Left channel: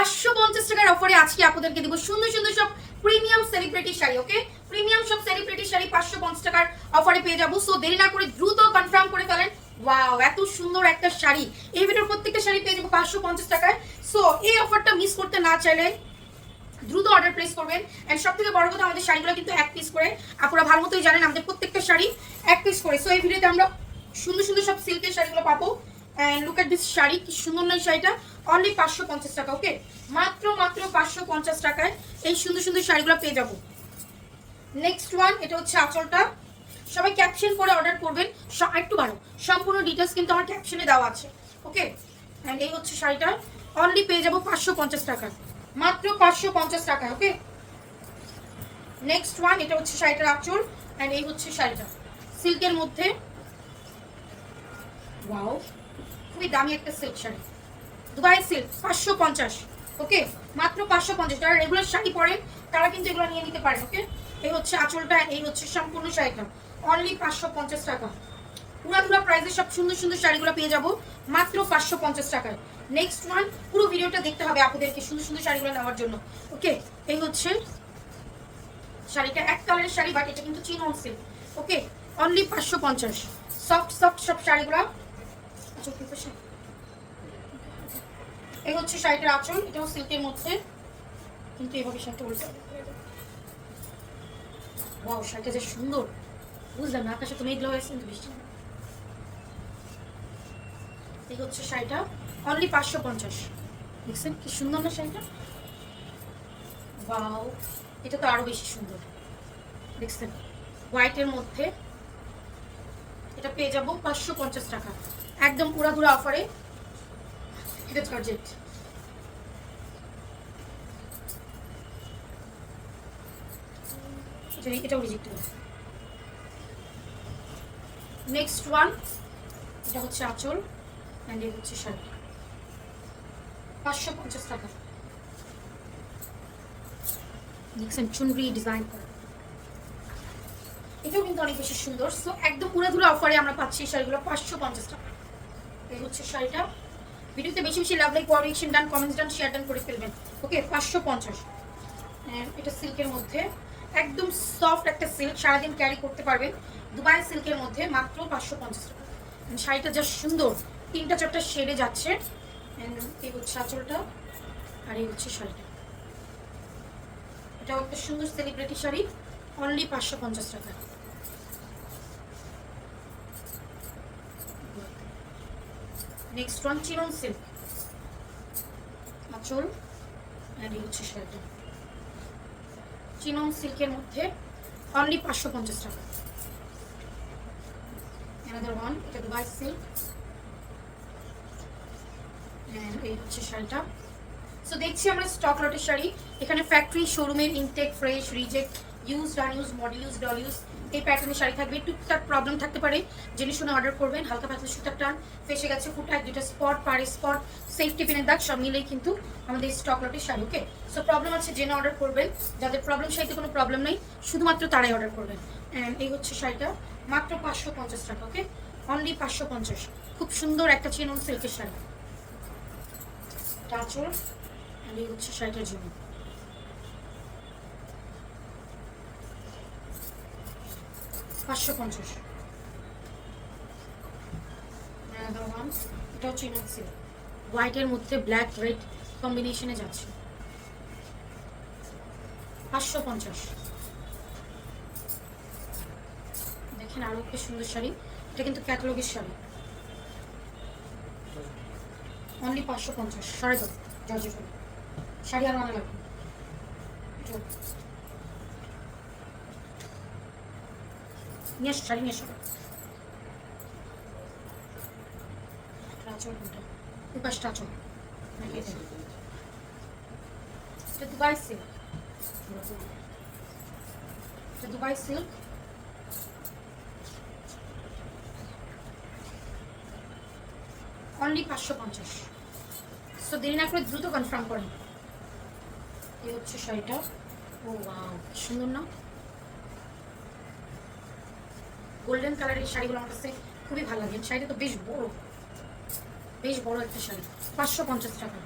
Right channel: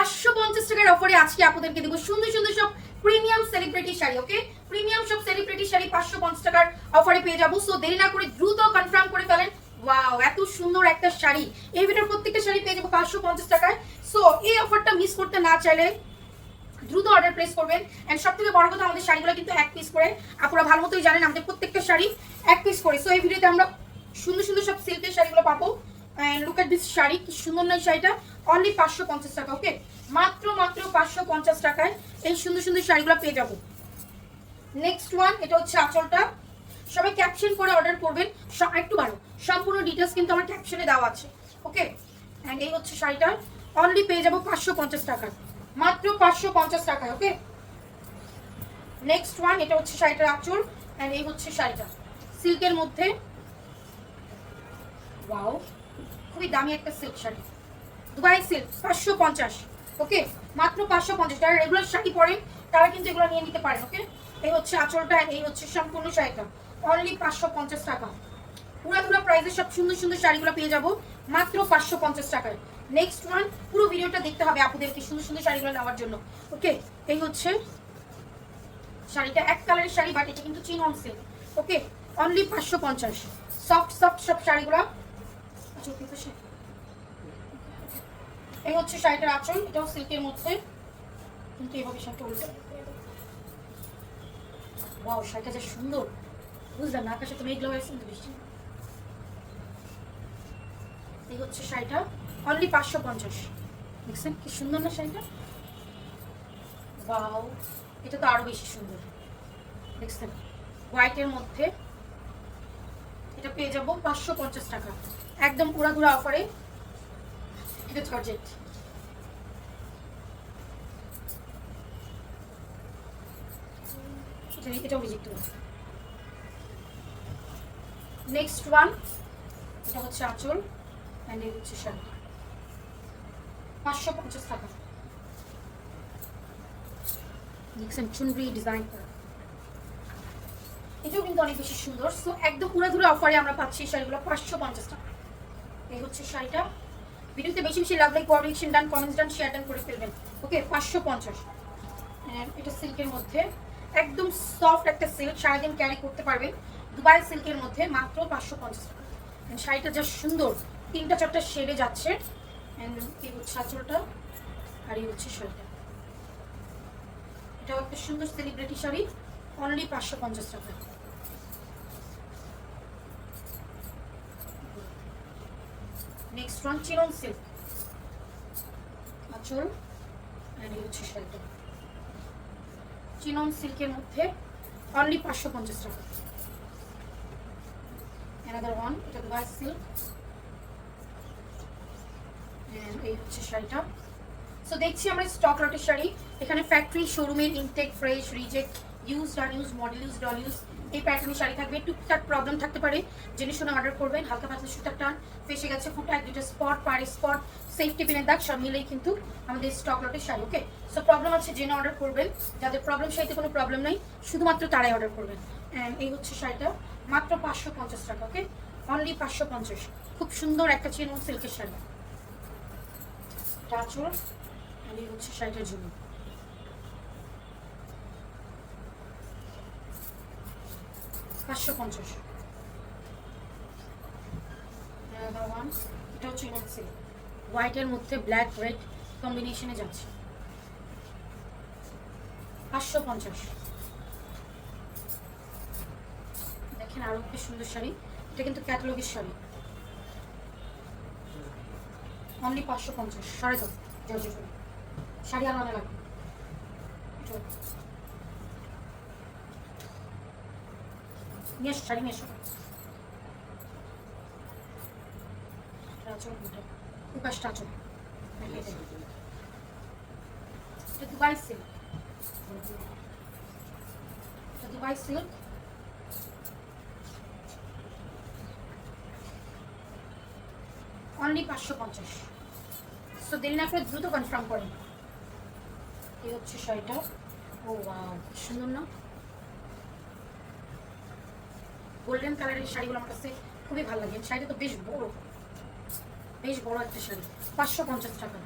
550 টাকার অফারে আজকে আপনাদেরকে দিব সুন্দর সুন্দর সব প্রিমিয়াম সেলিব্রিটি শাড়ি। ওকে, প্রিমিয়াম সব সেলিব্রিটি শাড়ি 550 টাকার অফারে পেয়ে যাবো। সো দেরি না করে দ্রুত কনফার্ম করে ফেলেন। ওয়াও, এত সুন্দর একটা শাড়ি। এই ভিডিওর প্রত্যেকটা শাড়ি পেয়ে যাবো 550 টাকায়। সো এই অফারটা মিস করতে না চাইলে দ্রুত অর্ডার প্লেস করবেন। এন্ড সবথেকে বড় কথা, আমাদের শাড়িগুলো কিন্তু এক পিস করে। আপনারা ভালো মতোই জানেন আমাদের প্রত্যেকটা শাড়ি এক পিস করে। সো এই ভিডিওতে আমরা সুন্দর সুন্দর সব সিল্কের শাড়িগুলো পাবো। And look at this sari, কি সুন্দর না শাড়িটা। অনলি 550 টাকা। ওকে, মাত্র 550 টাকায় এই সুন্দর সুন্দর শাড়িগুলো পেয়ে যাবো। নেক্সট ওয়ান, এটা হচ্ছে আঁচলটা। সবাই ক্যাপশন করে অর্ডার করবেন। একটু ভালো, সম্পূর্ণ ডিটেলস কিন্তু আমার ক্যাপশনে দেওয়া আছে। ওকে, এন্ড এই হচ্ছে শাড়িটা। অনলি পেয়ে যাবো 550 টাকায়, মাত্র 550 টাকায়। ওকে, নেক্সট ওয়ান, এটা হচ্ছে শাড়িটার আঁচল। এন্ড এই হচ্ছে শাড়িটা সিল্কের মধ্যে। ওয়াও, খুবই দামি একটা সিল্ক শাড়ি, দুবাই সিল্ক, 550। ওকে, মাত্র 550। যারা রেগুলার শাড়ি পরেন তারা কিন্তু এগুলো নিয়ে নিতে পারেন। ওকে, এই হচ্ছে আঁচলটা, এই হচ্ছে সম্পূর্ণ শাড়িটা। অনলি 550 টাকা। পুরাতুলা প্রাইসে সব সুন্দর সুন্দর শাড়িগুলো পেয়ে যাবো মাত্র 550 টাকায়। নেক্সট ওয়ান, পুরো ভিডিওটা দেখতে হবে আপনাদেরকে সুন্দর সুন্দর শাড়িগুলো নেওয়ার জন্য। ওকে, এই হচ্ছে শাড়িটা, এক কালারের শাড়ি, বাট এটা কিন্তু চিনন সিল্ক। ওকে, অনলি 550। সফট সফট সব শাড়িগুলো। এই হচ্ছে শাড়িটার আঁচল, এটাও সিল্কের মধ্যে, কিন্তু এভাবে শাড়িটা উল্টো। ওয়াও, শাড়িটা যে সুন্দর, বুঝলাম না, আকাশে তো মেঘলা হয়েছে কিন্তু বৃষ্টি। এই হচ্ছে শাড়িটা, অনলি 550। দেখছেন কি সুন্দর না শাড়িটা। ওয়াও, এটা তো আরো বেশি সুন্দর। দেখছেন, হোয়াইটের মধ্যে এটা পেয়ে যাবো 550 টাকা, একদম পুরাধুরা অফারে। এটা জর্জেট। এটাও রিজেক্ট হবে। নেক্সট ওয়ান, এটা হচ্ছে আঁচল অ্যান্ড এই হচ্ছে শাড়ি, 550 টাকা। দেখছেন চুনরি ডিজাইন করা, এটাও কিন্তু অনেক বেশি সুন্দর। সো একদম পুরাধুরা অফারে আমরা পাচ্ছি শাড়িগুলো 550 টাকা। এই হচ্ছে শাড়িটা। ভিডিওতে বেশি বেশি লাভ লাইক কোঅর্ডিনেশন ডান, কমেন্টস ডান, শেয়ার ডান করে ফেলবেন। ওকে, 550। এটা সিল্কের মধ্যে, একদম সফট একটা সিল্ক, সারাদিন ক্যারি করতে পারবেন। দুবাই সিল্কের মধ্যে মাত্র 550 টাকা। শাড়িটা যা সুন্দর, তিনটা চারটা শেডে যাচ্ছে। এই হচ্ছে আঁচলটা আর এই হচ্ছে শাড়িটা। এটাও একটা সুন্দর সেলিব্রিটি শাড়ি, অনলি 550 টাকা। নেক্সট ওয়ান, চিনন সিল্ক, আঁচল এন্ড এই হচ্ছে শাড়িটা, চিনন সিল্কের মধ্যে, অনলি 550 টাকা। অ্যানাদার ওয়ান, এটা দুবাই সিল্ক এন্ড এই হচ্ছে শাড়িটা। সো দেখছি আমরা স্টক লটের শাড়ি। এখানে ফ্যাক্টরি শোরুমের intake, fresh, reject, use, unuse, মডিউজ, ডল ইউজ, এই প্যাটার্নের শাড়ি থাকবে। টুকটাক প্রবলেম থাকতে পারে, জেনে শুনে অর্ডার করবেন। হালকা পাতলা সুতার টান, ফেসে গেছে ফুটা, এক দুটো স্পট, পাড়ে স্পট, সেফটি পিনের দাগ, সব মিলেই কিন্তু আমাদের স্টক লটের শাড়ি। ওকে, সো প্রবলেম আছে জেনে অর্ডার করবেন। যাদের প্রবলেম শাড়িতে কোনো প্রবলেম নেই, শুধুমাত্র তারাই অর্ডার করবেন। অ্যান্ড এই হচ্ছে শাড়িটা, মাত্র 550 টাকা। ওকে, অনলি 550। খুব সুন্দর একটা চিনন সিল্কের শাড়ি, আঁচল আর এই হচ্ছে শাড়িটার জন্য। 550। এটা হচ্ছে হোয়াইটের মধ্যে ব্ল্যাক রেড কম্বিনেশনে যাচ্ছে, 550। দেখেন আরো একটা সুন্দর শাড়ি, এটা কিন্তু ক্যাটালগের শাড়ি, অনলি 550। সরে দাও জর্জেট শাড়ি, আর মানে লাগবে। নিয়ে আসো শাড়ি, নিয়ে আসো। দুপাশটা আঁচল, এটা দুবাই সিল্ক, এটা দুবাই সিল্ক, অনলি 550। সো দেরি না করে দ্রুত কনফার্ম করেন। এই হচ্ছে শাড়িটা। ও ওয়াও, সুন্দর না, গোল্ডেন কালারের শাড়িগুলো আমার কাছে খুবই ভালো লাগে। শাড়িটা তো বেশ বড় একটা শাড়ি, 550 টাকা।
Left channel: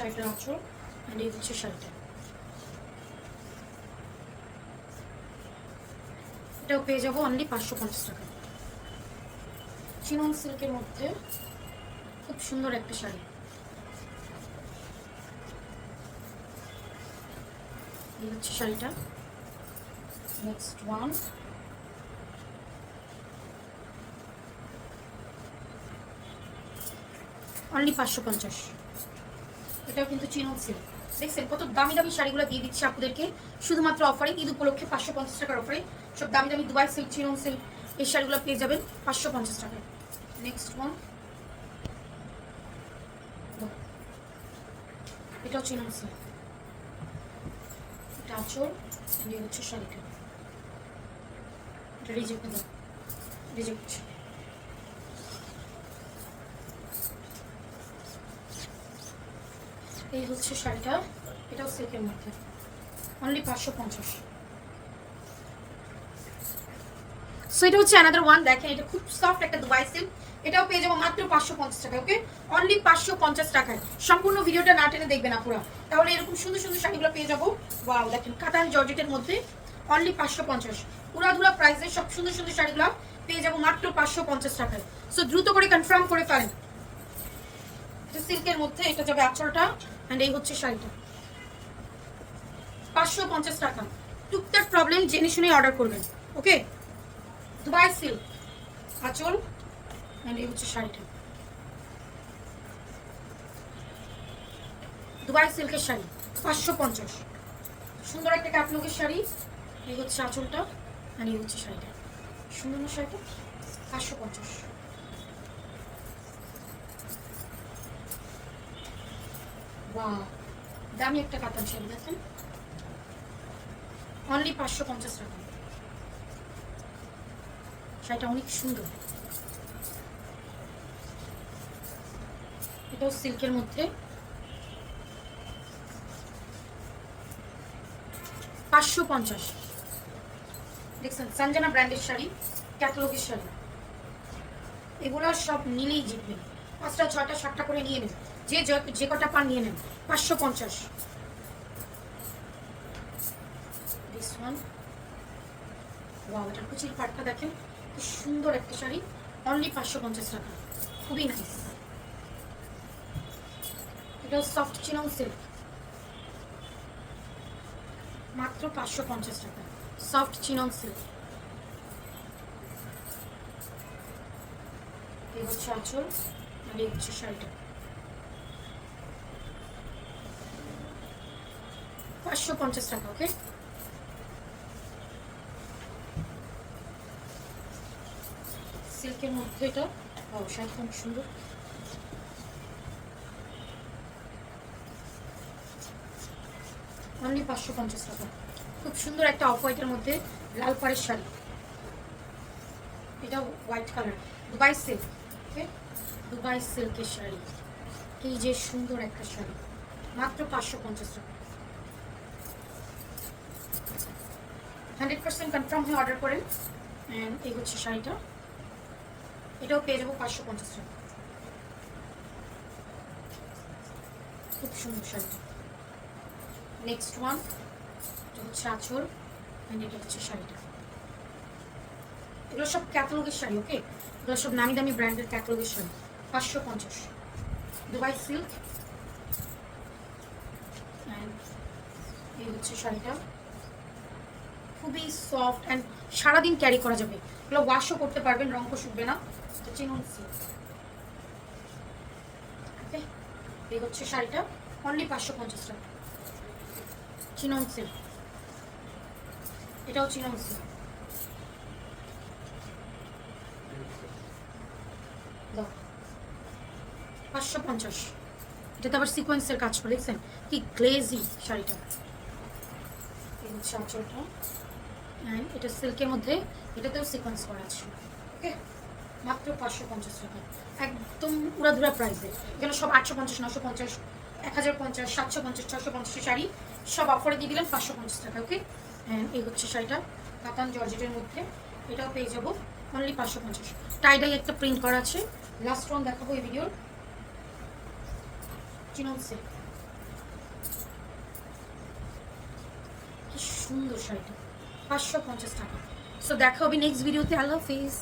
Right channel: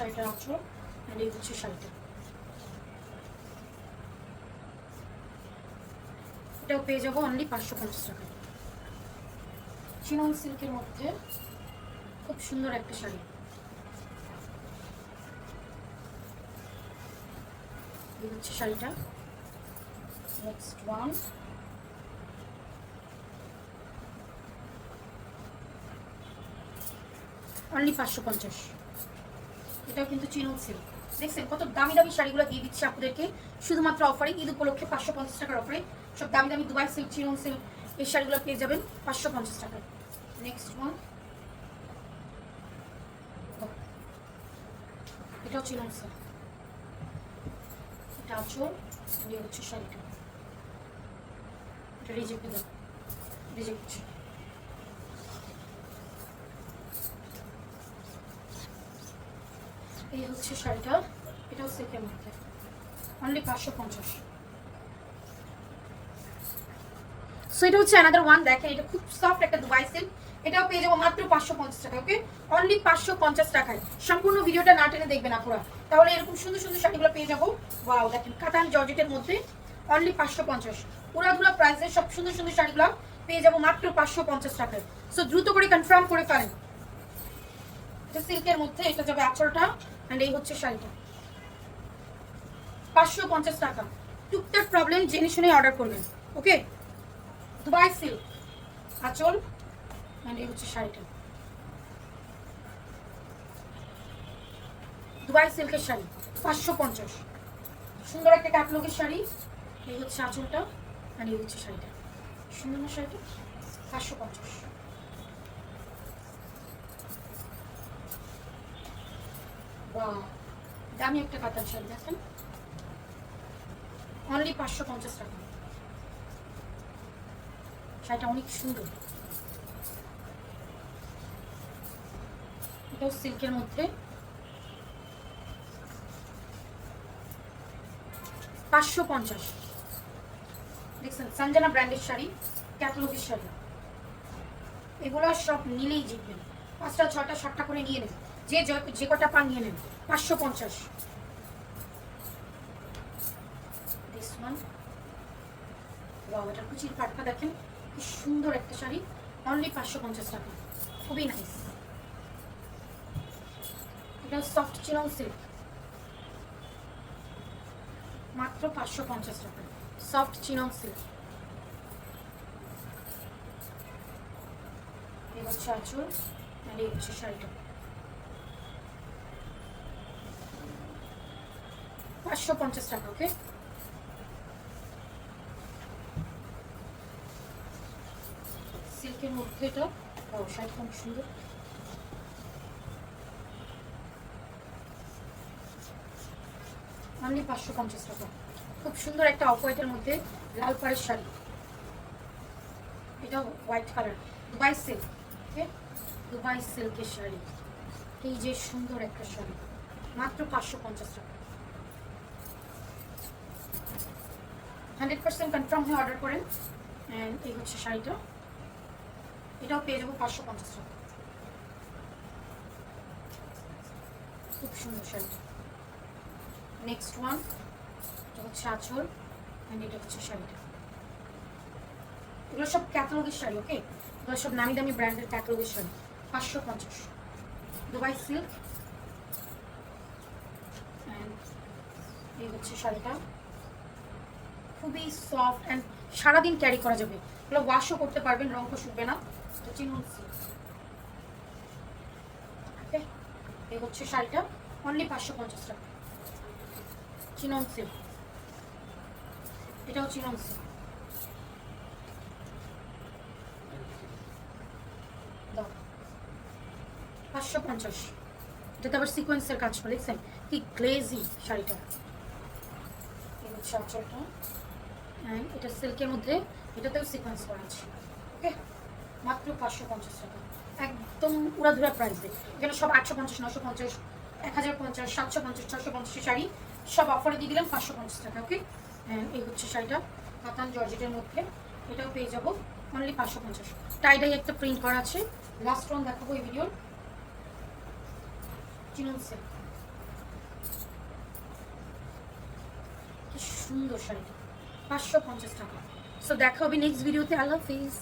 শাড়িটা আঁচল, আর এই হচ্ছে শাড়িটা। এটাও পেয়ে যাবো অনলি 550 টাকা। চিনন সিল্কের মধ্যে খুব সুন্দর একটা শাড়ি। এই হচ্ছে শাড়িটা। Next one, only 550। এটাও কিন্তু চিনন সিল্ক। দেখছেন কত দামি দামি শাড়িগুলো দিয়ে দিচ্ছে আপনাদেরকে শুধুমাত্র অফারে, ঈদ উপলক্ষে 550 টাকার অফারে। সব দামি দামি দুবাই সিল্ক, চিনন সিল্ক এই শাড়িগুলো পেয়ে যাবেন 550 টাকায়। নেক্সট ওয়ান, এটাও চিনন সিল্ক। এটা আঁচল, এই হচ্ছে শাড়িটা। এটা রিজেক্ট দাও, রিজেক্ট। এই হচ্ছে শাড়িটা, এটাও সিল্কের মধ্যে অনলি 550। সো এটা হচ্ছে অ্যানাদার ওয়ান। দেখেন এটা খুব সফট একটা দুবাই সিল্ক, এটাও পেয়ে যাবো মাত্র 550 টাকা। ওকে, অনলি 550 টাকায়। সম্পূর্ণ ভিডিওটা না টেনে দেখবেন আপনারা, তাহলে এরকম সুন্দর সুন্দর শাড়িগুলো পেয়ে যাবো। ওয়াও, দেখেন কাতান জর্জেটের মধ্যে অনলি 550। পুরাধুরা প্রাইসে সব সুন্দর সুন্দর শাড়িগুলো পেয়ে যাবো মাত্র 550 টাকায়। সো দ্রুত করে কনফার্ম করে ফেলেন। এটা সিল্কের মধ্যে, এটা যাবে আঁচলটা, এন্ড এই হচ্ছে শাড়িটা। 550 টাকা। টুকটাক প্রবলেম জেনে শুনে অর্ডার করবেন। ওকে, দুবাই সিল্ক, আঁচল, এন্ড এই হচ্ছে শাড়িটা। দুবাই সিল্কের শাড়ি 550। সুন্দর একটা ক্যাটলগের শাড়ি। এই হচ্ছে আঁচলটা, এন্ড এই হচ্ছে শাড়িটা। সুন্দর না শাড়িটা? 550। বাহ, দামি একটা কাতান শাড়ি। দেখেন অনলি 550 টাকা। শাড়িটা অনেক সুন্দর। এটাও সিল্কের মধ্যে 550। দেখছেন সঞ্জনা ব্র্যান্ডের শাড়ি, ক্যাটালগের শাড়ি। এগুলো সব নিলেই জিতবেন। 5টা 6টা 7টা করে নিয়ে নেন, যে কটা পান নিয়ে নেন। 550। দিস ওয়ান, ওয়াও, এটা কুচির পাটটা দেখেন কি সুন্দর একটা শাড়ি, অনলি 550 টাকা। খুবই নাইস। এটা সফট চিনন সিল্ক, মাত্র 550 টাকা। Soft chinon silk. এই হচ্ছে আঁচল, আর এই হচ্ছে শাড়িটা। 550 টাকা। ওকে, সিল্কের মধ্যে এটা, ও শাড়ি খুব সুন্দর। অনলি 550 টাকা। খুব সুন্দর একটা অফ হোয়াইটের মধ্যে লাল পাড়ের শাড়ি। এটা হোয়াইট কালার, দুবাই সিল্ক। ওকে, দুবাই সিল্কের শাড়ি, এই যে সুন্দর একটা শাড়ি, মাত্র 550 টাকা। 100% কনফার্ম হয়ে অর্ডার করেন। অ্যান্ড এই হচ্ছে শাড়িটা, এটাও পেয়ে যাবো 550 টাকা। খুব সুন্দর শাড়ি। নেক্সট ওয়ান, এটা হচ্ছে আঁচল, অ্যান্ড এটা হচ্ছে শাড়িটা। এগুলো সব ক্যাটালগের শাড়ি। ওকে, এগুলো সব নামি দামি ব্র্যান্ডের ক্যাটালগের শাড়ি। 550। দুবাই সিল্ক, এই হচ্ছে শাড়িটা। খুবই সফট অ্যান্ড সারাদিন ক্যারি করা যাবে। এগুলো ওয়াশও করতে পারবেন, রঙও শুকবে না। তো চিনন সিল্ক। ওকে, এই হচ্ছে শাড়িটা, অনলি 550 টাকা। চিনন সিল্ক, এটাও চিনন সিল্ক। 550। এটাতে আবার সিকোয়েন্সের কাজ করে, দেখছেন কি গ্লেজি শাড়িটা। এই হচ্ছে আঁচলটা, অ্যান্ড এটা সিল্কের মধ্যে, এটাতেও সিকোয়েন্স করা আছে। ওকে, মাত্র 550 টাকা। একদম উড়াধুরা প্রাইসে। এখানে সব 850, 950, 1050, 750, 650 শাড়ি সব অফারে দিয়ে দিলেন 550 টাকা। ওকে, অ্যান্ড এই হচ্ছে শাড়িটা কাতান জর্জেটের মধ্যে, এটাও পেয়ে যাবো অনলি 550। টাইডাই একটা প্রিন্ট করা আছে। লাস্ট ওয়ান দেখাবো এই ভিডিওর, চিনন সিল্ক। সুন্দর শাড়িটা, 550 টাকা। সো দেখা হবে নেক্সট ভিডিওতে। আল্লাহ হাফিজ।